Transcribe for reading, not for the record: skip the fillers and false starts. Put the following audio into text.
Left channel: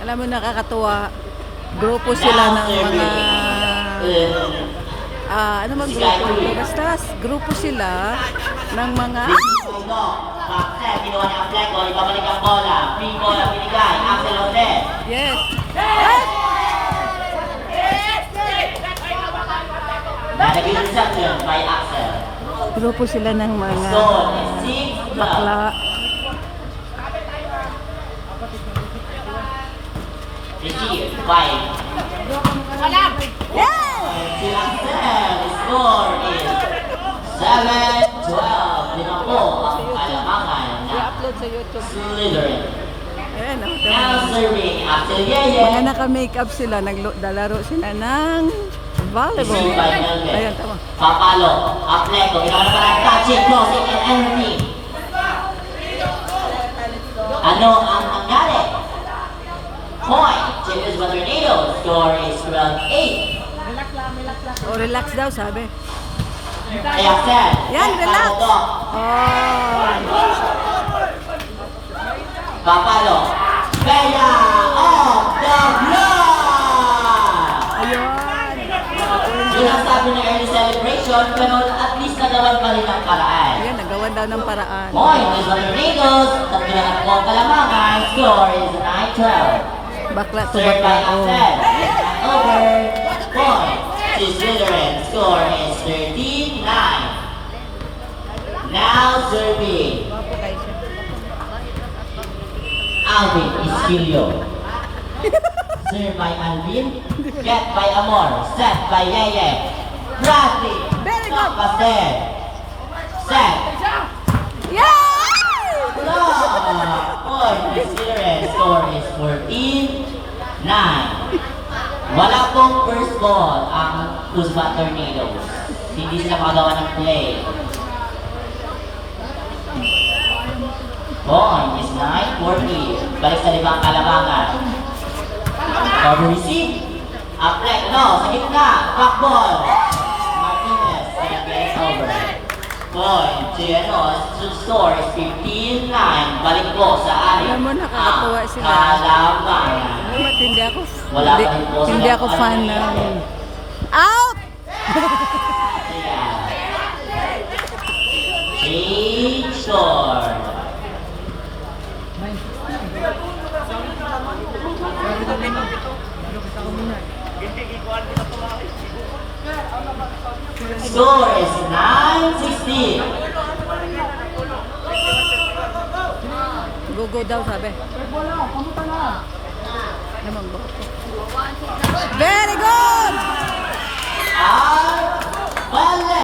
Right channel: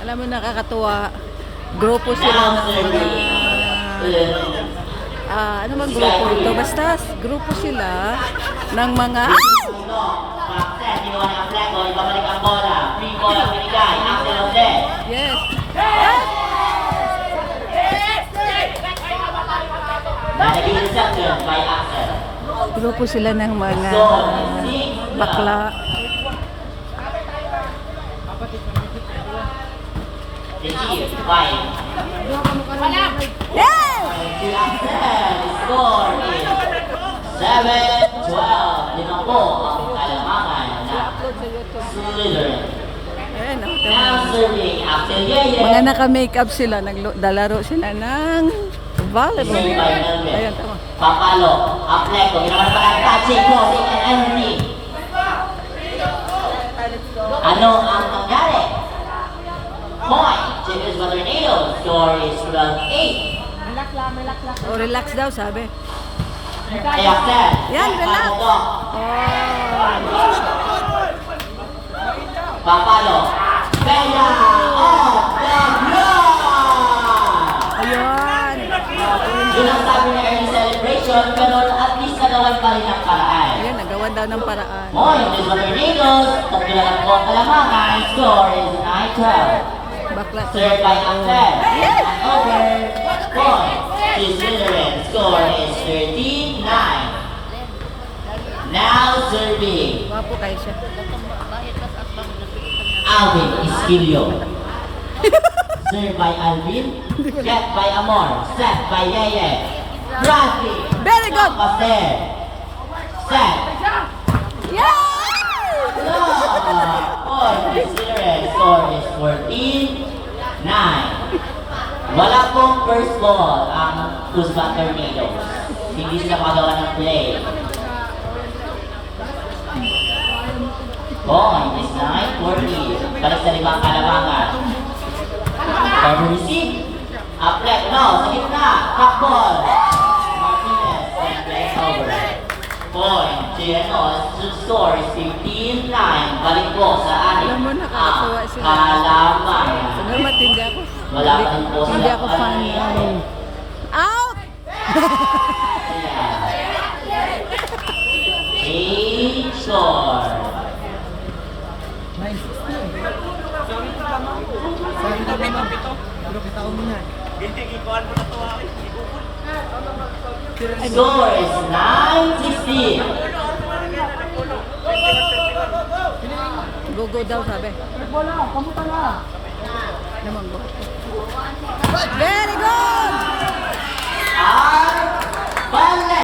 Alam mo, nakakatuwa. Grupo sila ng mga... ano bang grupo ito? Basta grupo sila ng mga... Yes. Grupo sila ng mga bakla. Yes! Score is 7-12. Lima po ang Alamangan. I-upload sa YouTube. Slytherin. Ayan, Now serving after Yeye. mga naka-makeup sila, naglalaro sila ng volleyball. Ayan, tama. Papalo, Apleco, ginagawa ng touching, crossing, and energy. Ano ang nangyari? Point, Chicas Maternado. Score is 12-8. O, relax daw, sabi. Ayan, sir. Yan, relax. Oh. Papalo, Bella of the Blood! Ayun. Sinasabi niya early celebration, pero at least nagawan pa rin ang paraan. Ayan, nagawan daw ng paraan. Point is Maternado. Tatluhan po ang Kalamangan. Score is 9-12. Bakla to Served bakla. by Oh. Axel. Over. Point to Slytherin. Score is 13-9. Now serving. Wapo kayo siya. Alvin Iskilio. Served by Alvin. Get by Amor. Set by Yeye. Bradley. Very good. After. Set. Yay! Point to Slytherin. Score is 14-9. Wala pong first ball ang Kuzma Tornadoes. Hindi sila magawa ng play. Point is 9-14. Balik sa limang Kalamangan. Cover receive. Uplet, sa gitna. Back ball. Martinez. And that's over. Point to score is 15-9. Balik po sa amin. Alam mo, nakakatuwa sila. Kalamangan. Salamat, hindi ako, Wala pa rin po hindi sila. ako fan ng... Out! Change score. Score is 9-16. Go daw, sabi. Naman, go.